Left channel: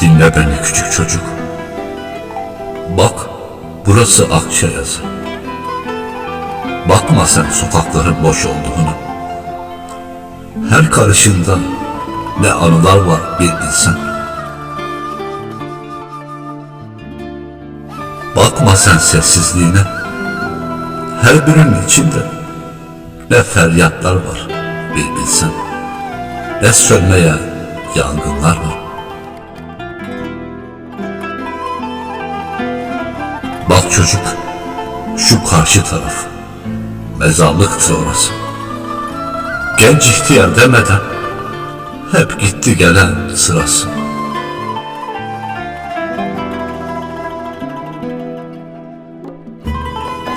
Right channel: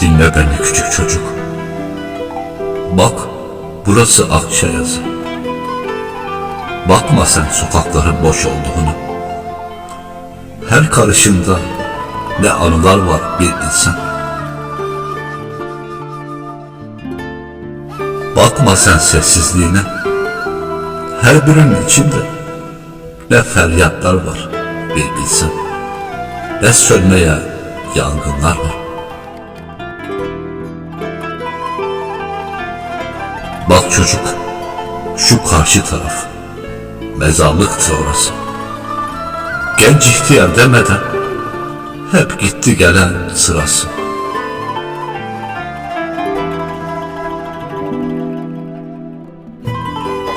Dinle beni küçük çocuk. Bak burası Akçayazı. Bakma sen sokakların boş olduğunu. Her karışında ne anılar var bir bilsen. Bakma sen sessizliğine. Her birinin içinde ne feryatlar var bir bilsen. Ne sönmeye yangınlar var. Çocuk, şu karşı taraf. Mezarlıktır orası. Genç ihtiyar demeden hep gitti gelen sırası.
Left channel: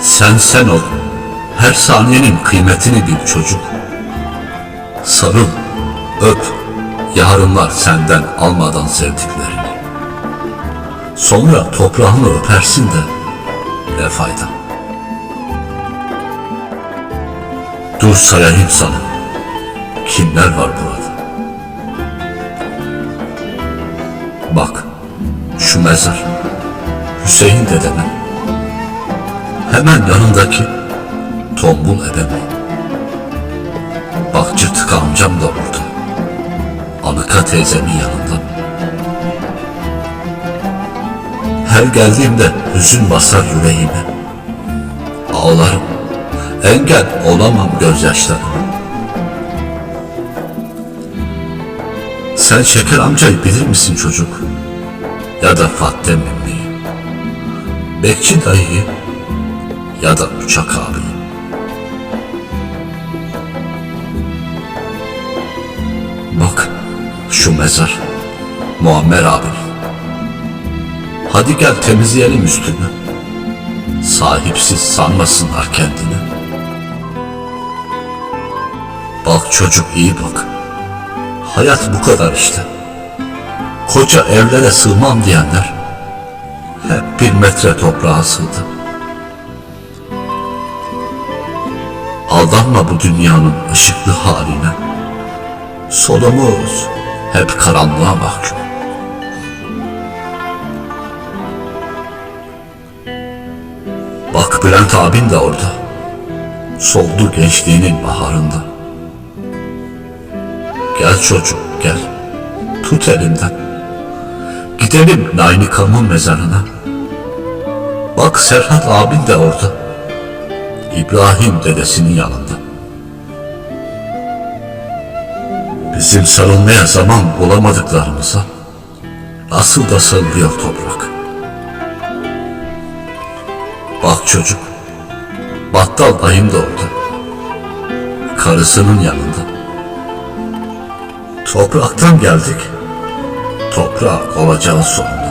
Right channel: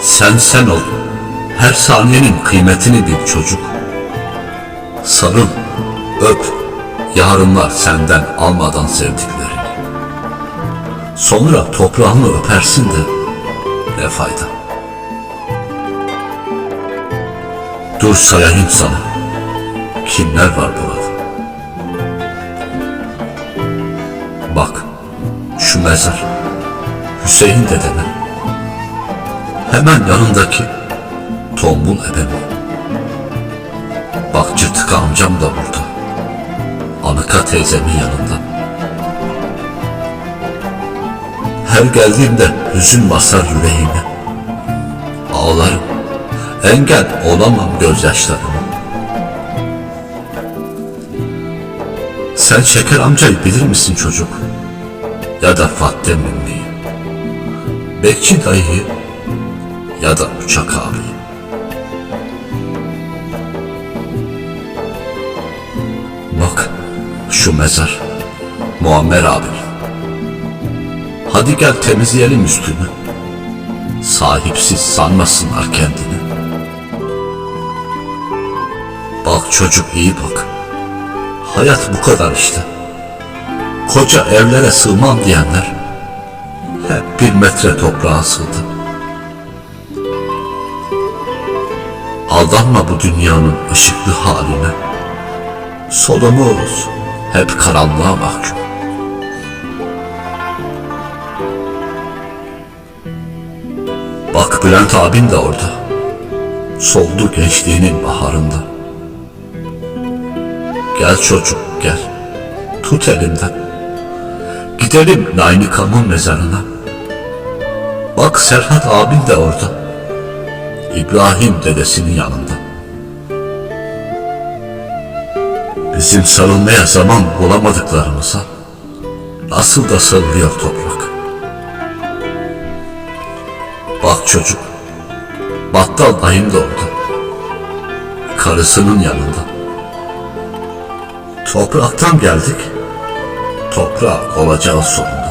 Sen sen ol. Her saniyenin kıymetini bil çocuk. Sarıl, öp. Yarınlar senden almadan sevdiklerini. Sonra toprağını öpersin de ne fayda. Dur sayayım sana. Kimler var burada? Bak, şu mezar. Hüseyin dedeme. Hemen yanındaki tombul ebeme. Bak cırtık amcam da burada. Anıka teyzemin yanında. Her geldiğimde hüzün basar yüreğime. Ağlarım. Engel olamam gözyaşlarıma. Sen Şeker amcayı bilir misin çocuk? Ya da Fattem emmiyi. Bekçi dayıyı ya da Uçak abiyi. Bak şu mezar. Muammer abi. Hadi gel temizleyelim üstünü. Sahipsiz sanmasınlar kendini. Bak çocuk iyi bak. Hayat bu kadar işte. Koca evlere sığmam diyenler hep bir metre toprağa sığdı. Aldanma bu dünyanın ışıklı haline. Solumuz hep karanlığa mahkum. Bak Bülent abin de orada. Soldu gençliğinin baharında. Gel çocuk gel. Tut elimden. Gidelim Naynikam'ın mezarına. Bak Serhat abin de orada. İbrahim dedesinin yanında. Bizim sarılmaya zaman bulamadıklarımıza nasıl da sarılıyor toprak. Bak çocuk, battal dayım da orada. Karısının yanında. Topraktan geldik, toprak olacağız sonunda.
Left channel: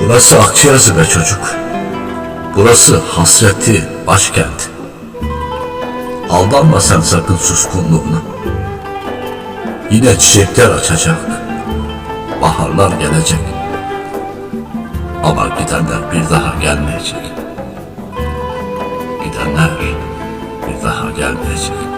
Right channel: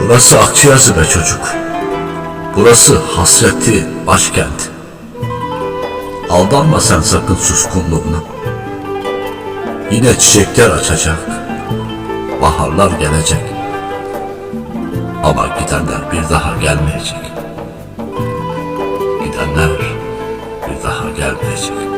Burası Akçayazı be çocuk. Burası hasreti başkent. Aldanma sen sakın suskunluğuna. Yine çiçekler açacak. Baharlar gelecek. Ama gidenler bir daha gelmeyecek. Gidenler bir daha gelmeyecek.